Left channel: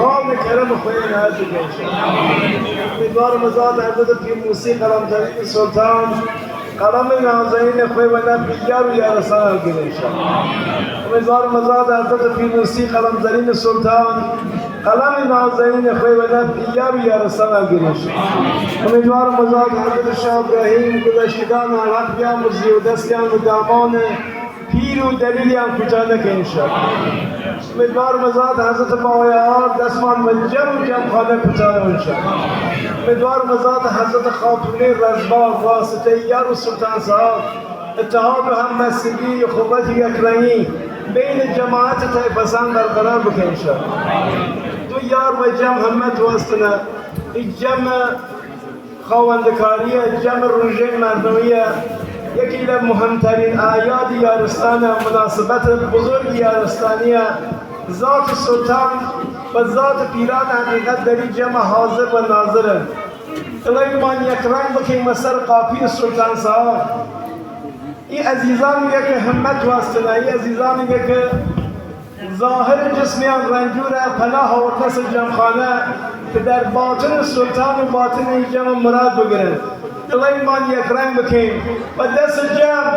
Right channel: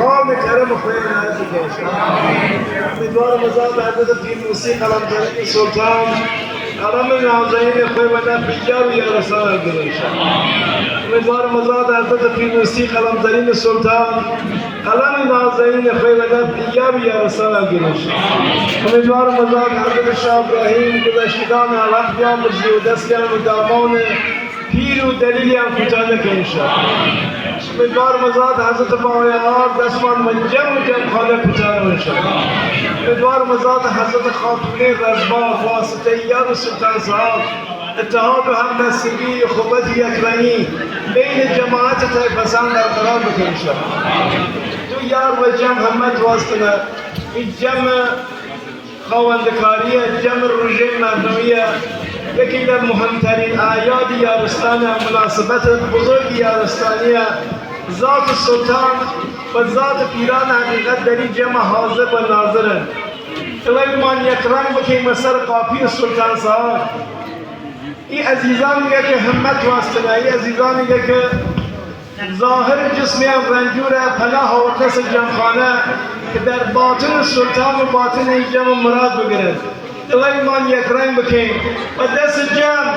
خواب کرم خوین هستی کنشن امیدوار مزاد حضرت پیر موسی قلمزنی سلطان قلم نازنین خوی ونا پیجار و یارسان گرنشن امیدوار مزاد حضرت پیر موسی قلمزنی سلطان قلم نازنین خوی ونا پیجار و یارسان گرنشن امیدوار مزاد حضرت شاه ابراهیم گذشتگان وقتیان مزی و دستیان و دامان پیر و دلیلی هم کجا نکنشن امیدوار مزاد حضرت مایار دستمان جم خانه کجا نکنشن امیدوار مزاد حضرت خاتون رزبان واسطه یار و سلطان صاحب اتحاد و همبستگی و خوبت یکرنی بین جماعت طیفسان برقرار بکنشن تو یار و جمع همت واسطنه این جمع خواندکاریه جمع روژه مردمیه یکی در مهمترین اعیاد یارستان مناسبت بزرگ یارستانیه ذات سلطان و ذات پیران حقیقت در این جمع حاضر و ناظرن الهی یک رنگ بکنیم سر قاپی سلطان صاحب این عزیزانی که همت واسطنه این عزیزانی که ظاهر جسمی هم رنجوره پناه و کس جمخانه که در باطن سلطان و باطن این جمع مراد بگیرن الهی یک رنگ بکنیم و دست جمع